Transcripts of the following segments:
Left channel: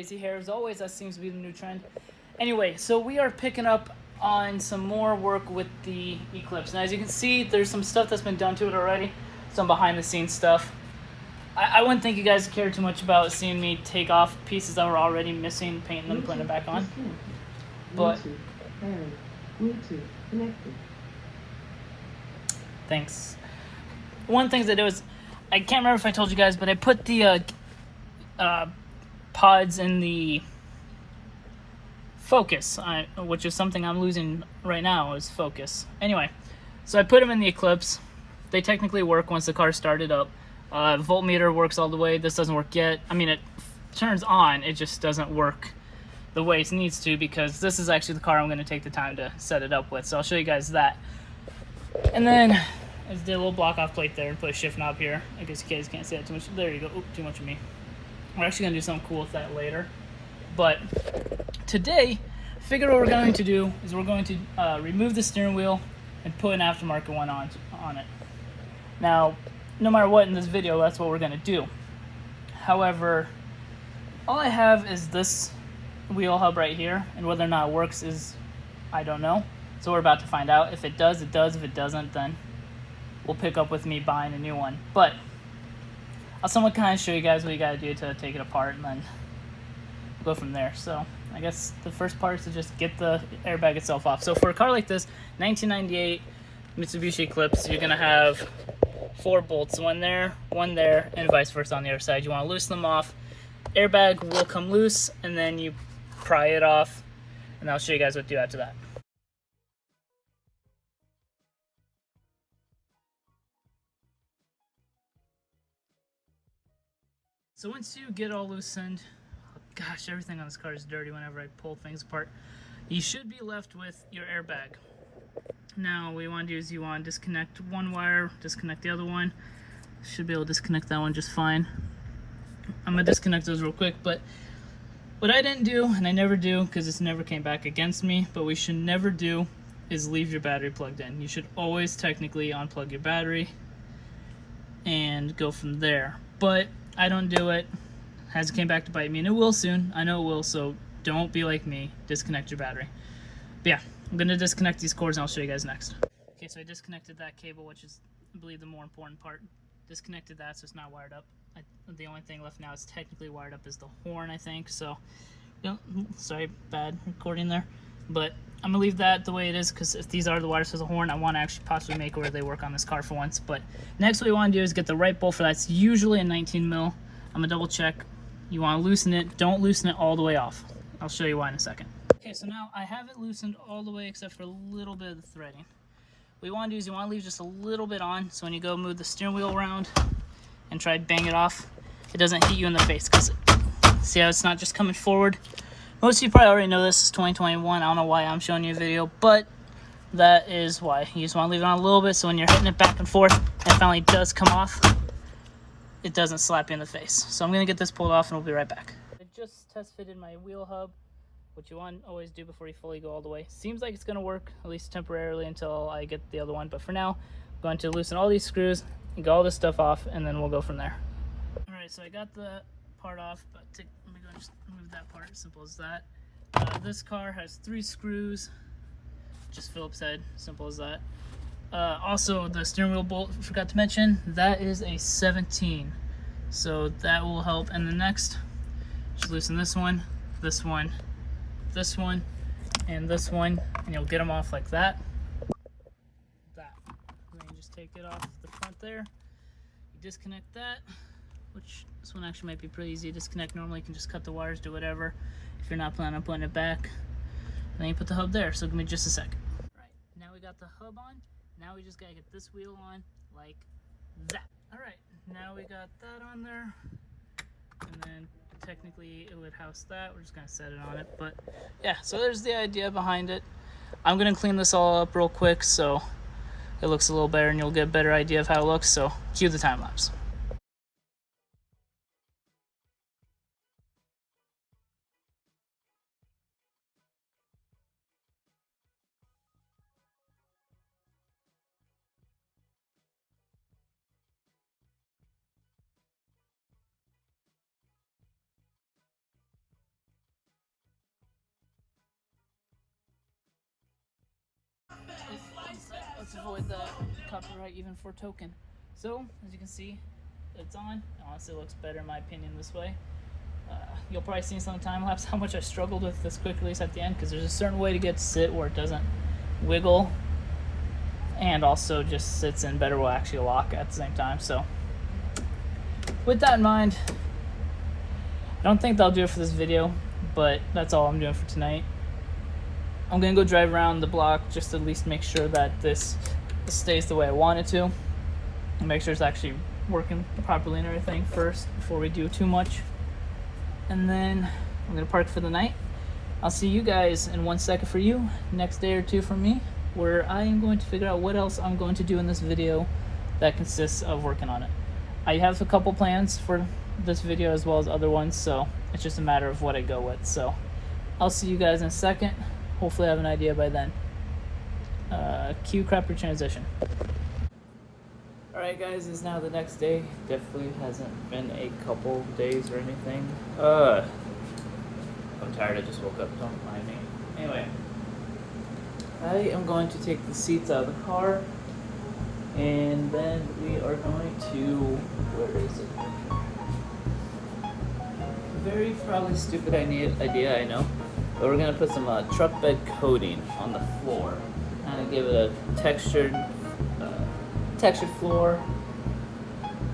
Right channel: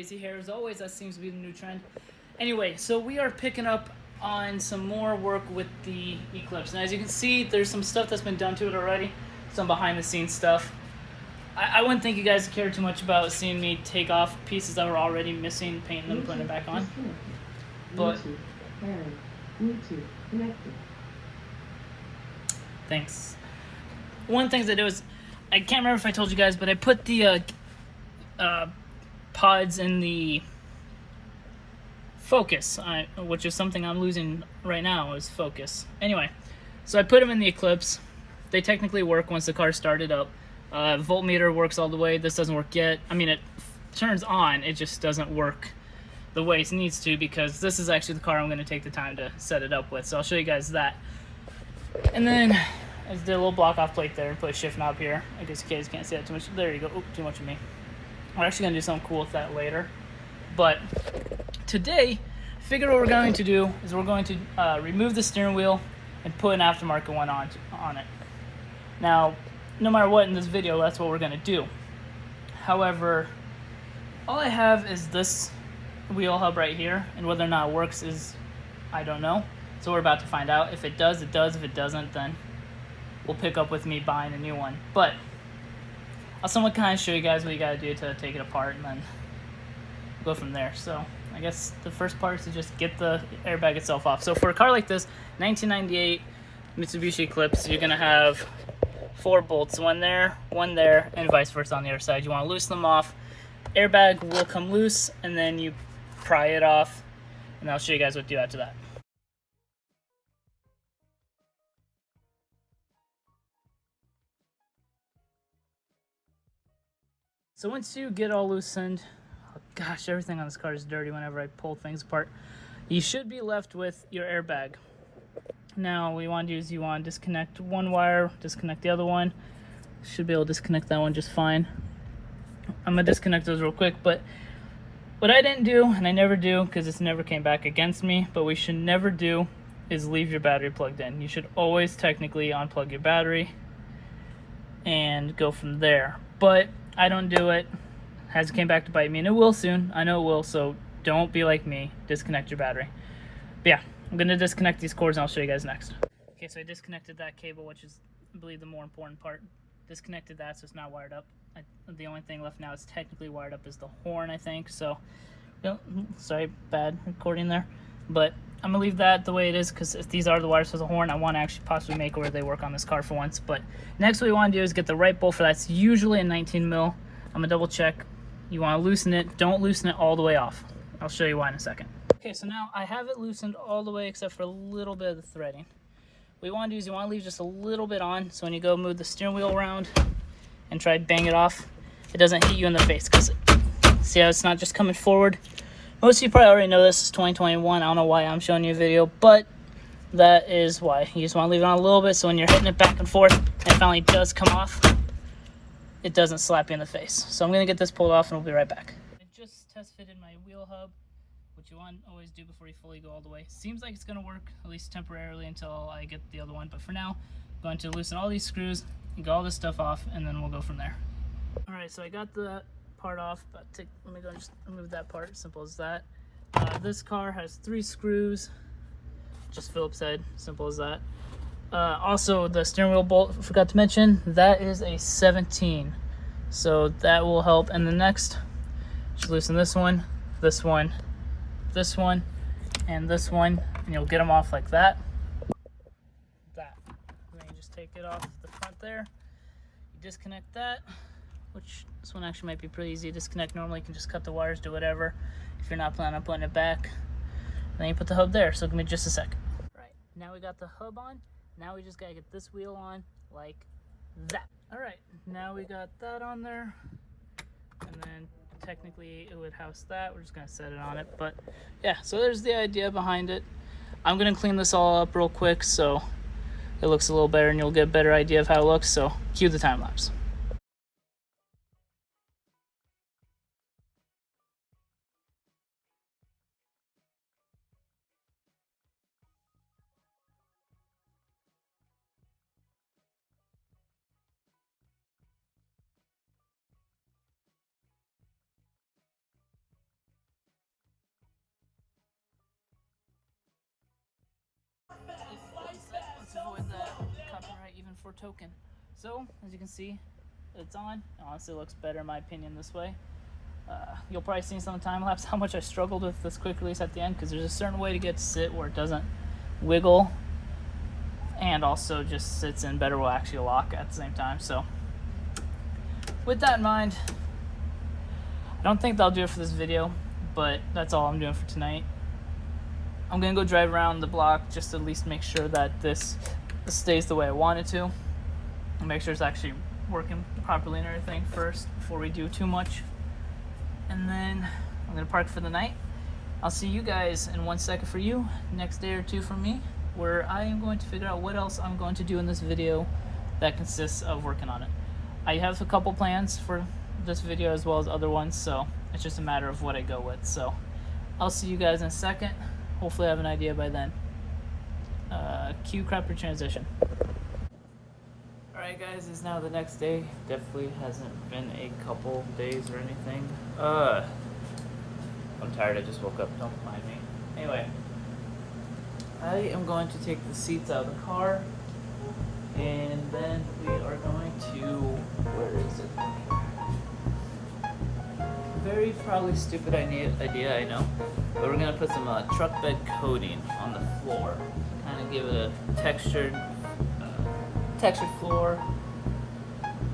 crazy hair. As always, that seems to be the new trend. Anyway, so we are picking up on some more work with the Eclipse. And as you can see, there's some stuff that's been done to it already. Some behind the scenes stuff. I wouldn't think you guys care too much about seeing me take off pieces that were already missing, painting them, putting it back on. But Bluetooth connected. Thanks. One thing I did was, I can't remember if I told you guys, but I put the pods in the focus, which is something I'm losing right now, is focus. Anyway, so I put them in the Eclipse. They technically work once the car started up. Voltmeter works all the way. This doesn't work yet. I mean, it turns on, it just doesn't work the way it needs to, because this is actually the car I'm going to take the time to set it up with. So I'll show you guys that. And then I just did a little block off plate there and put a shift knob here. I guess you guys can't see that too much. There you go. Oop, too much of me. We're actually going to do something cool with that later. But today, I figured what we're going to do is we're going to remove the steering wheel and put an aftermarket one on it. Now, no matter what in this video, that's what we're going to do. However, all I have is this wheel hub right here, and whether or not it works is, I don't know. So we're about to find out. If it does, it does. If it doesn't, then we'll pick up with me buying a new one. But I'll somewhat kind of show you guys what you got to do to take it apart, and then go from there. So I guess the first part is to just get the airbag itself off. So for a car like this, 1998 Mitsubishi Eclipse, you're going to have 4 bolts, one there, and vice versa on the other side. You want to loosen them off. Airbag will come loose, and then you pry it off, and I'll show you guys what to do after that. So once you get all loosened, oh gosh, everything on this car is dirty whenever I pull things apart. You should be left with your airbag. Now, what you want to do is you want to disconnect one wire, disconnect the other one. Should be able to disconnect that one just fine. I'm going to disconnect those real quick, but what I didn't do, and I never do because this never came back against me, but we should never do is leave your battery plugged in. You should always technically unplug your battery and go from there. But I don't do it. Hasn't came back to bite me, and it will soon. I know it will, so don't be like me. Disconnect your battery. But yeah, I'm going to disconnect these cords, and I'll show you guys next. Okay, so I disconnected that cable, which is, I believe, the more important part. Disconnected that, so it's not wired up. The only thing left now is technically wired up is the horn, I think. So, you know, sorry, bad recording there. But I'm going to leave that the way it is, because if these are the wires for the horn, I want to actually possibly make where they work on this car for once. But next what we want to do is get the right bolt for that. It's usually a 19 mil. I'm going to double check. You want to loosen it. Don't loosen it all the way off. I'll show you why in a second. Okay, so now I have it loosened all the way except for a little bit of the threading. What you want to do is you want to leave just a little bit on, so when you go move the steering wheel around and try to bang it off, it doesn't hit you in the face, because see how it's not just coming forward. Most of you probably already know this is 2021. I don't know why I'm showing you a video, but that is why. You just want to leave it on a little bit, so when you're hitting it back and forth and it finally does come off, it doesn't slap you in the face. So I'm going to get this pulled off and we'll be right back. I just test fitted my wheel hub, which you want to always do before you fully go all the way. Seems like it's going to work, at least temporarily, until I get the other one. But for now, I'm going to loosen all these screws and get all this stuff off, and then we'll go from there. Alright, so I got the part off. But let me go and just remove that part. Simple as that. This car has 3 screws. Just Phillips head. Simple as that. Also, the steering wheel bolt, forgot to mention, that is a 17. So that will help. And the next, just loosen this one, this one, this one, and this one, and you'll get them off like that. And then you just take it off the front there. You disconnect that, which this one actually might be pretty easy to disconnect. Normally you can just cut the wires, do whatever. If you're not planning on putting it back, then you put the hub there. So give me just a second. Right, now we got the hub on. Now we just gotta get this wheel on like that. All right, now we got that on there, and then technically it would house that. We're just gonna set it on it, but yeah, so there's the idea behind it. I'm gonna clean this all up real quick so it looks a little better and you'll get a better idea of how it looks. So cue the time lapse. avoid the copyright even for token. So as you can see, it's on. It honestly looks better in my opinion this way. You'll probably see some time lapse how much I struggled with this quick release at the end, because there's a certain way to get to sit where it doesn't wiggle and also just sits in better, will actually lock at the same time. So with that in mind, I don't think that'll do it for this video, but that's all I'm doing for tonight. I'm gonna go drive around the block just to at least make sure that this stays the way I want it to, and make sure it's actually working properly and everything first before we do too much. And then I'm gonna park for the night. I'll see you guys in 1 second for you, next day or two for me, where I am going to figure out what else I'm going to do in this video that consists of working on it. I have a couple plans for this video as well as other ones, so it's just a matter of what I go with. So I'll see you guys in a second. Hopefully I have an idea by then. Cue crapper transition. Alright guys, it's now the next day. Definitely hasn't been a couple days or anything. I'm tired, I just woke up, don't mind me. Anyway, I am going to take the seats out of the car, and then we are going to, where is it? Very probably stupid idea, I know. But we're gonna put some truck bed coating on the floor to kind of give it a textured floor,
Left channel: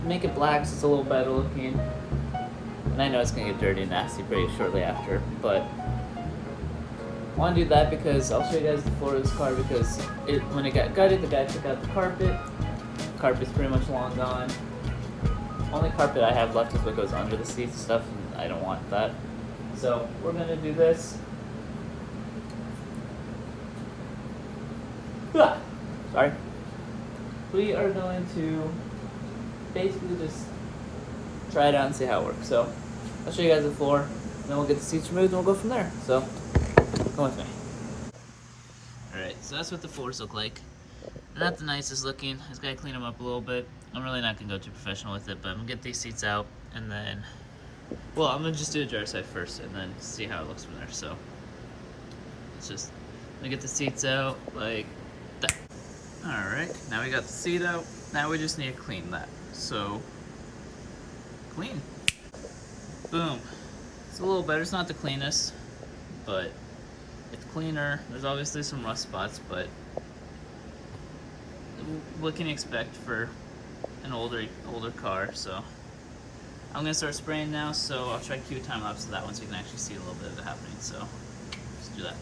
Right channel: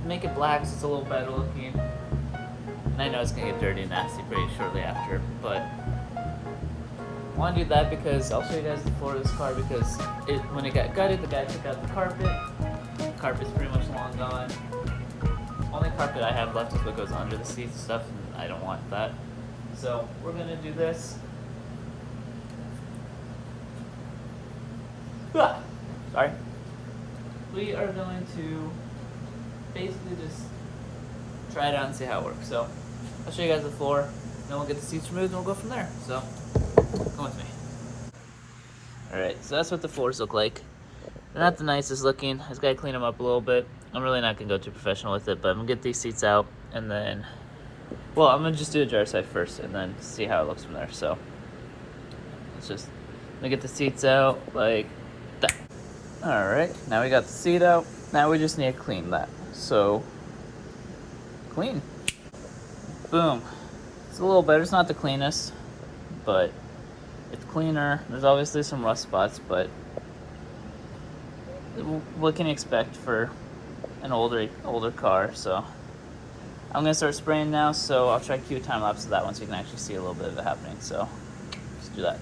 make it black so it's a little better looking. And I know it's gonna get dirty and nasty pretty shortly after, but I want to do that because I'll show you guys the floor of this car, because when it got gutted, the guy took out the carpet. The carpet's pretty much long gone. Only carpet I have left is what goes under the seats and stuff, and I don't want that. So we're gonna do this. Sorry. We are going to basically just try it out and see how it works. So I'll show you guys the floor, and then we'll get the seats removed and we'll go from there. So come with me. Alright, so that's what the floors look like. They're not the nicest looking. I just gotta clean them up a little bit. I'm really not gonna go too professional with it, but I'm gonna get these seats out, and then, well, I'm gonna just do a jar side first and then see how it looks from there. So I'm gonna get the seats out like that. Alright, now we got the seat out. Now we just need to clean that. So, clean. Boom. It's a little better. It's not the cleanest, but it's cleaner. There's obviously some rust spots, but what can you expect for an older car? So I'm gonna start spraying now, so I'll try to cue a time lapse of that one so you can actually see a little bit of it happening. So let's do that.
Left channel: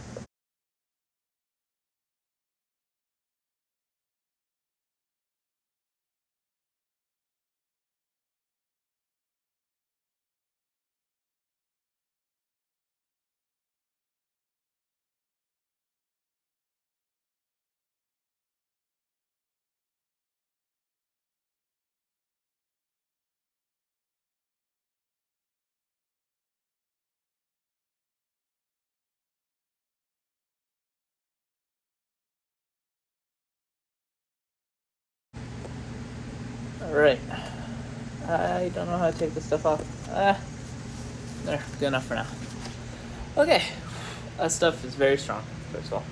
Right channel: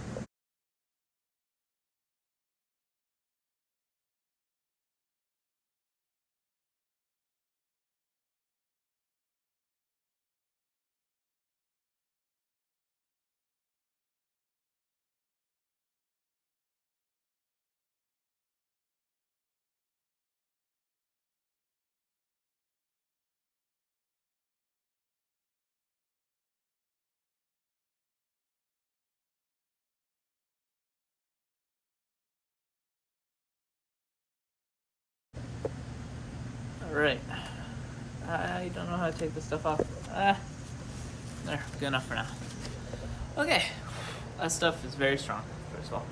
Alright, I don't know how to take this stuff off. There, good enough for now. Okay, that stuff is very strong, first of all.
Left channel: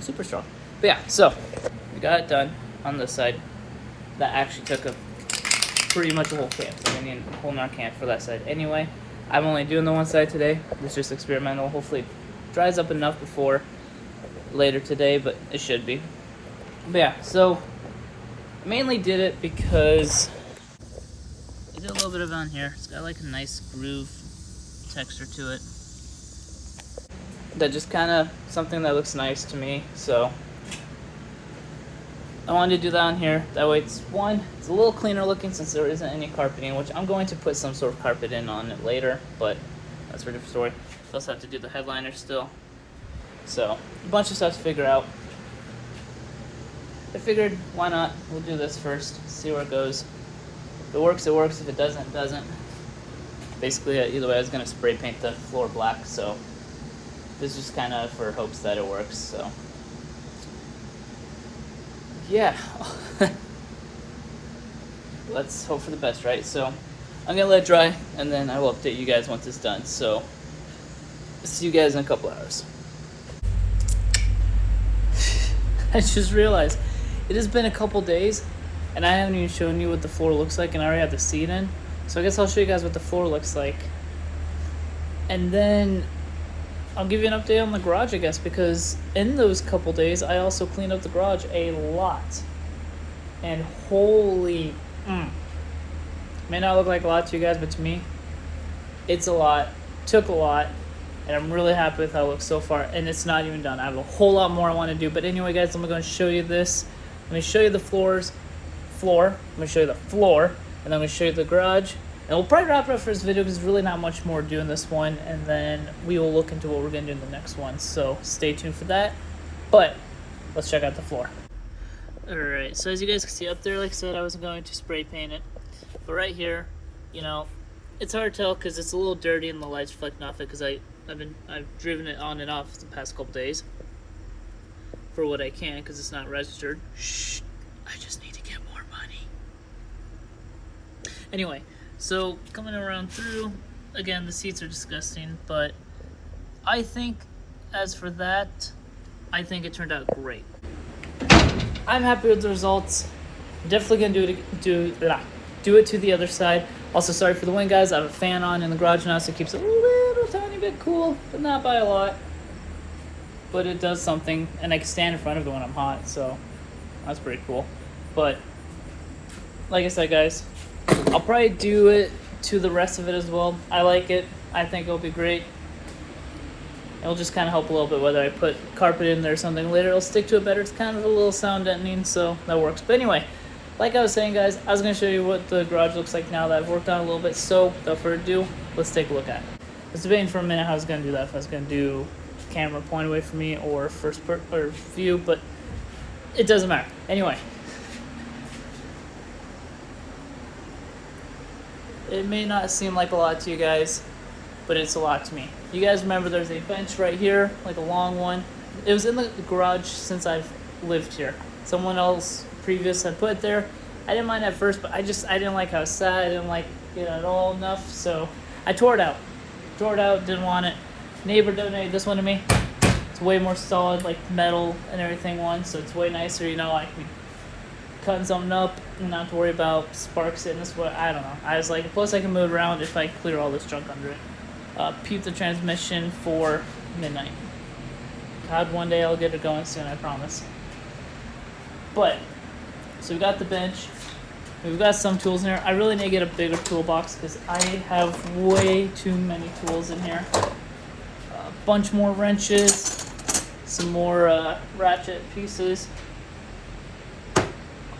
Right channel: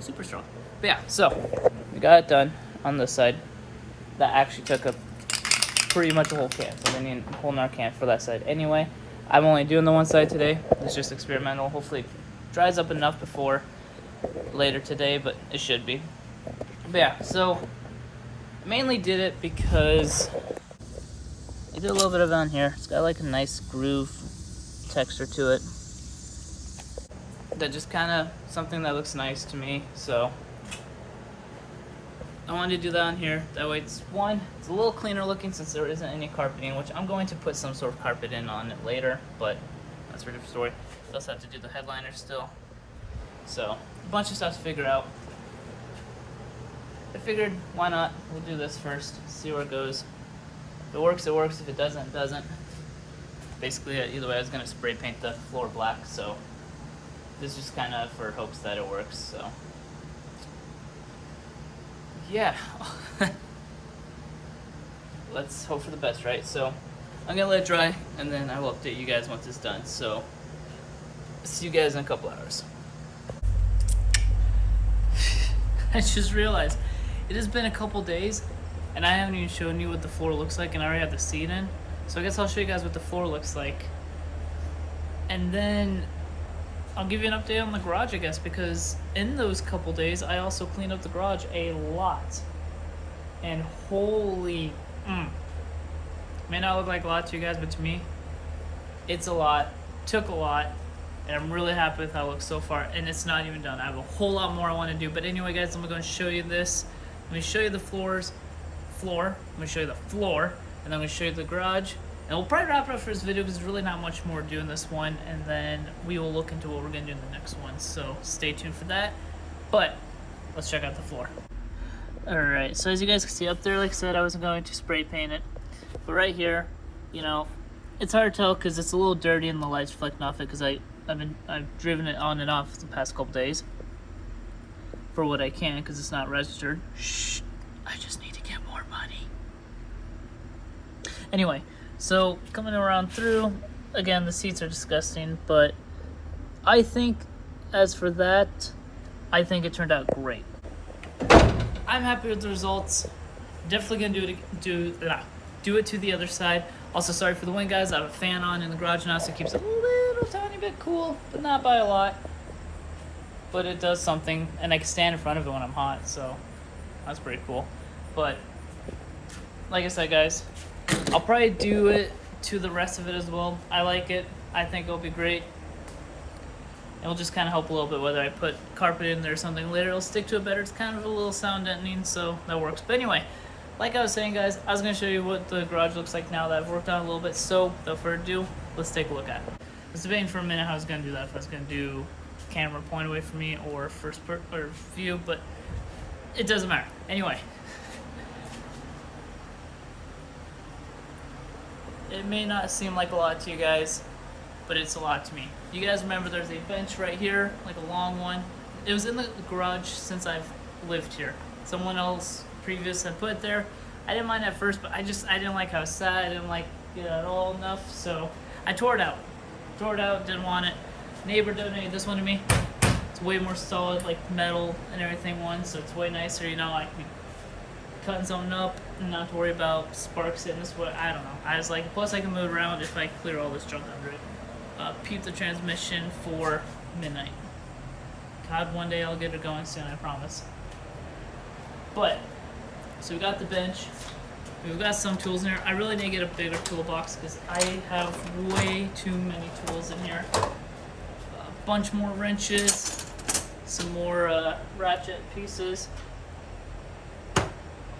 Super strong. But yeah, so we got it done on this side. That actually took up pretty much a whole can, so we need a whole nother can for that side. Anyway, I'm only doing the one side today. It's just experimental. Hopefully it dries up enough before later today, but it should be. But yeah, so mainly did it because I did a little bit of it on here. It's got like a nice groove texture to it. That just kind of something that looks nice to me. So I wanted to do that on here. That way it's a little cleaner looking since there isn't any carpeting, which I'm going to put some sort of carpet in on it later, but that's for a different story. I also have to do the headliner still. So a bunch of stuff to figure out. I figured, why not? We'll do this first, see where it goes. If it works, it works. If it doesn't, it doesn't. Basically, either way, I was going to spray paint the floor black, so this is just kind of for hopes that it works, so. Yeah. Let's hope for the best, right? So, I'm going to let it dry, and then I will update you guys once it's done. So, see you guys in a couple hours. I just realized it has been a couple days and I haven't even shown you what the floor looks like, and I already have the seat in. So I guess I'll show you guys what the floor looks like. And then I'll give you an update on the garage, I guess, because in those couple days I also cleaned up the garage a lot. And holy, may not look like a lot to you guys, but to me, it's a lot. Took a lot. And I'm really happy with how it looks so far. And it's not even done. I have a whole lot more I want to do. But anyway, guys, I'm going to show you this. Let me show you the floor. Let me show you the floor. And then I'm going to show you the garage. And we'll probably wrap it up for this video because there's really not much more to do in this one. And then we will look into what we're going to do in the next one. So stay tuned for that. But let's check out the floor. Alright, so as you guys can see up there, like I said, I wasn't going to spray paint it. But right here, you know, it's hard to tell because it's a little dirty and the light's reflecting off it because I've driven it on and off the past couple days for what I can because it's not registered. Shh, I just need to get more money. Anyway, so coming around through, again, the seats are disgusting, but I think as for that, I think it turned out great. I'm happy with the results. Definitely gonna do it to the other side. Also, sorry for the wind, guys. I have a fan on in the garage now, so it keeps it a little tiny bit cool, but not by a lot. But it does something, and I can stand in front of it when I'm hot, so that's pretty cool. But like I said, guys, I'll probably do it to the rest of it as well. I like it. I think it'll be great. It'll just kind of help a little bit whether I put carpet in there or something later. It'll stick to it better. It's kind of a little sound deadening, so that works. But anyway, like I was saying, guys, I was going to show you what the garage looks like now that I've worked on it a little bit. So without further ado, let's take a look at it. I was debating for a minute how I was going to do that. If I was going to do camera point away from me or or view, but it doesn't matter. Anyway, it may not seem like a lot to you guys, but it's a lot to me. You guys remember there's a bench right here, like a long one. It was in the garage since I've lived here. Someone else previous had put it there. I didn't mind at first, but I didn't like how it sat. I didn't like it at all enough, so I tore it out. Didn't want it. Neighbor donated this one to me. It's way more solid, like metal and everything one, so it's way nicer. You know, I can be cutting something up and not have to worry about sparks hitting this way. I don't know. I was like, plus I can move around if I clear all this junk under it. Peep the transmission for midnight. God, one day I'll get it going soon, I promise. But, so we got the bench. We've got some tools in here. I really need to get a bigger toolbox because I have way too many tools in here. A bunch more wrenches, some more ratchet pieces, a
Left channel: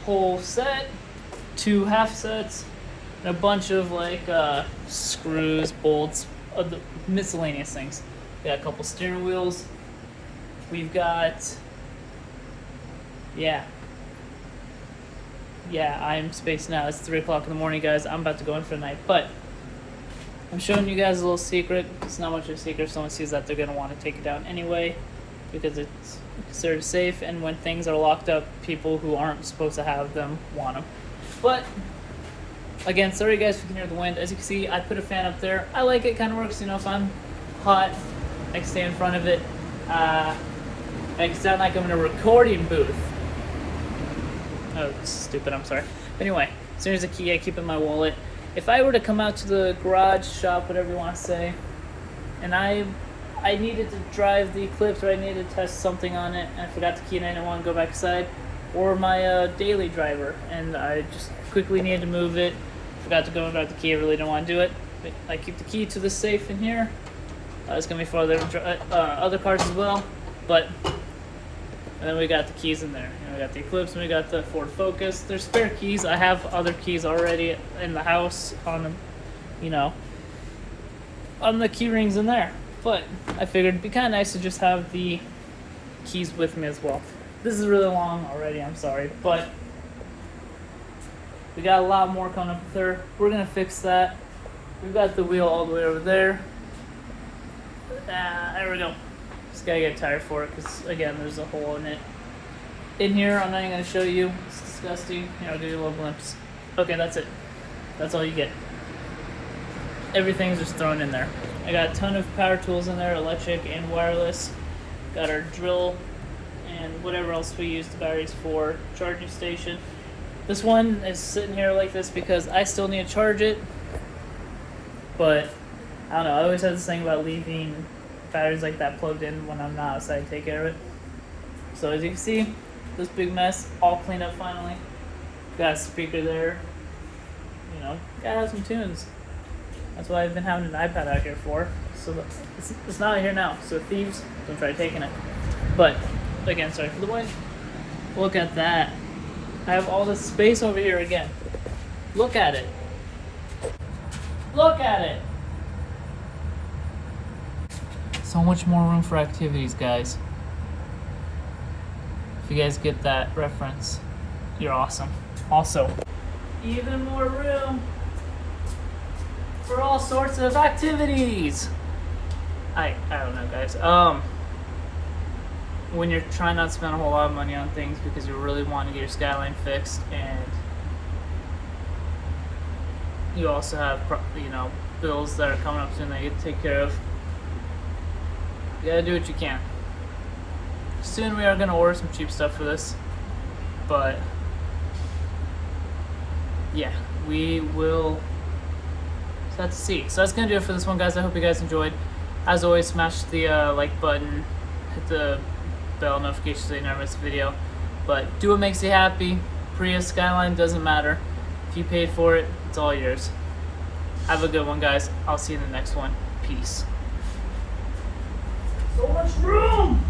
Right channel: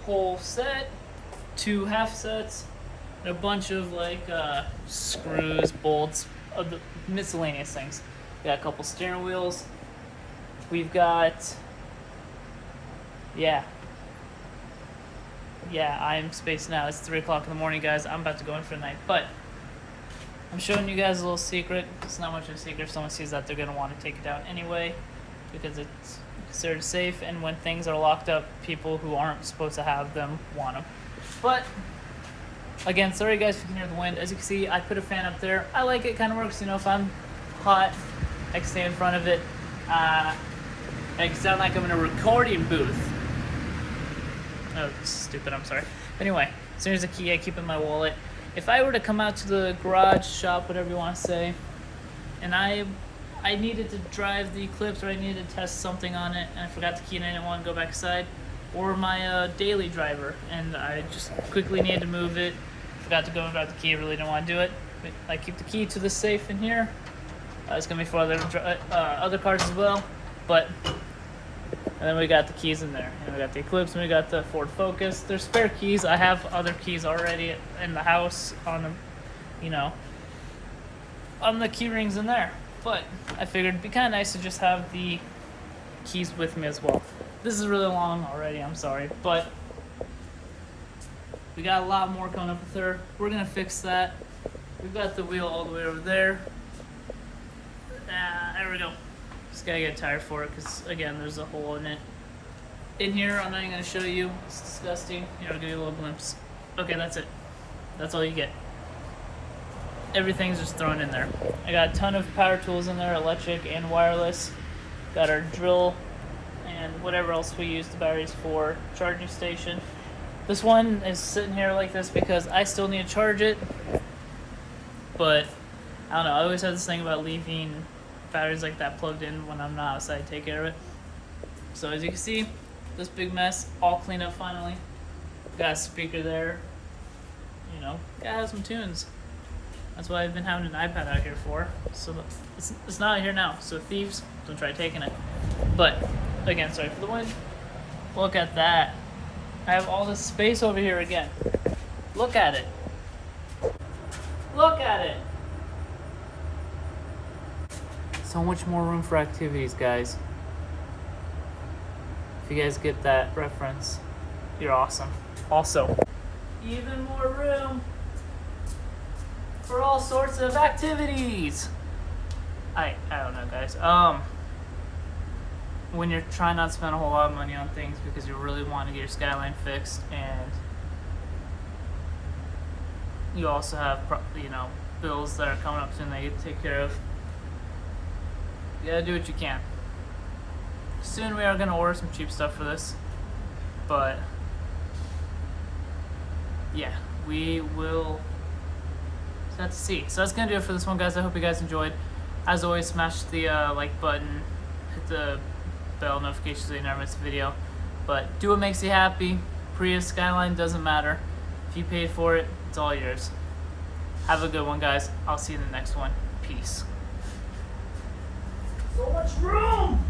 whole set, 2 half sets, and a bunch of like screws, bolts, the miscellaneous things. We got a couple steering wheels. We've got, yeah, I'm spacing out. It's 3 o'clock in the morning, guys. I'm about to go in for the night, but I'm showing you guys a little secret. It's not much of a secret. If someone sees that, they're going to want to take it down anyway because it's considered safe, and when things are locked up, people who aren't supposed to have them want them. But again, sorry guys if you can hear the wind. As you can see, I put a fan up there. I like it. Kind of works, you know, if I'm hot, I can stay in front of it. I can sound like I'm in a recording booth. Oh, stupid, I'm sorry. Anyway, as soon as the key I keep in my wallet. If I were to come out to the garage, shop, whatever you want to say, and I needed to drive the Eclipse or I needed to test something on it and I forgot the key and I didn't want to go back inside, or my daily driver and I just quickly needed to move it, forgot to go and grab the key, I really didn't want to do it. I keep the key to the safe in here. It's going to be for other cars as well, but and then we got the keys in there. And we got the Eclipse and we got the Ford Focus. There's spare keys. I have other keys already in the house on the, you know, on the key rings in there. But I figured it'd be kind of nice to just have the keys with me as well. This is really long already, I'm sorry. But we got a lot more coming up with her. We're going to fix that. We've got the wheel all the way over there. There we go. Just gotta get a tire for it because, again, there's a hole in it. In here, I'm not even going to show you. It's disgusting. Here, I'll give you a little glimpse. Okay, that's it. That's all you get. Everything's just thrown in there. I got a ton of power tools in there, electric and wireless. Got our drill and whatever else we use the batteries for. Charging station. This one is sitting here like this because I still need to charge it, but I don't know, I always have this thing about leaving batteries like that plugged in when I'm not outside to take care of it. So as you can see, this big mess all cleaned up finally. Got a speaker there, you know, gotta have some tunes. That's what I've been having an iPad out here for. So it's not here now, so thieves don't try taking it. But again, sorry for the noise. Look at that. I have all this space over here again. Look at it. Look at it. So much more room for activities, guys. If you guys get that reference, you're awesome. Also, even more room for all sorts of activities. I don't know, guys. When you're trying not to spend a whole lot of money on things because you really want to get your skyline fixed, and you also have, you know, bills that are coming up soon that you get to take care of, you gotta do what you can. Soon we are gonna order some cheap stuff for this, but yeah, we will just have to see. So that's gonna do it for this one, guys. I hope you guys enjoyed. As always, smash the like button, hit the bell notification so you never miss a video. But do what makes you happy. Prius, Skyline, doesn't matter. If you paid for it, it's all yours. Have a good one, guys. I'll see you in the next one. Peace. So much room!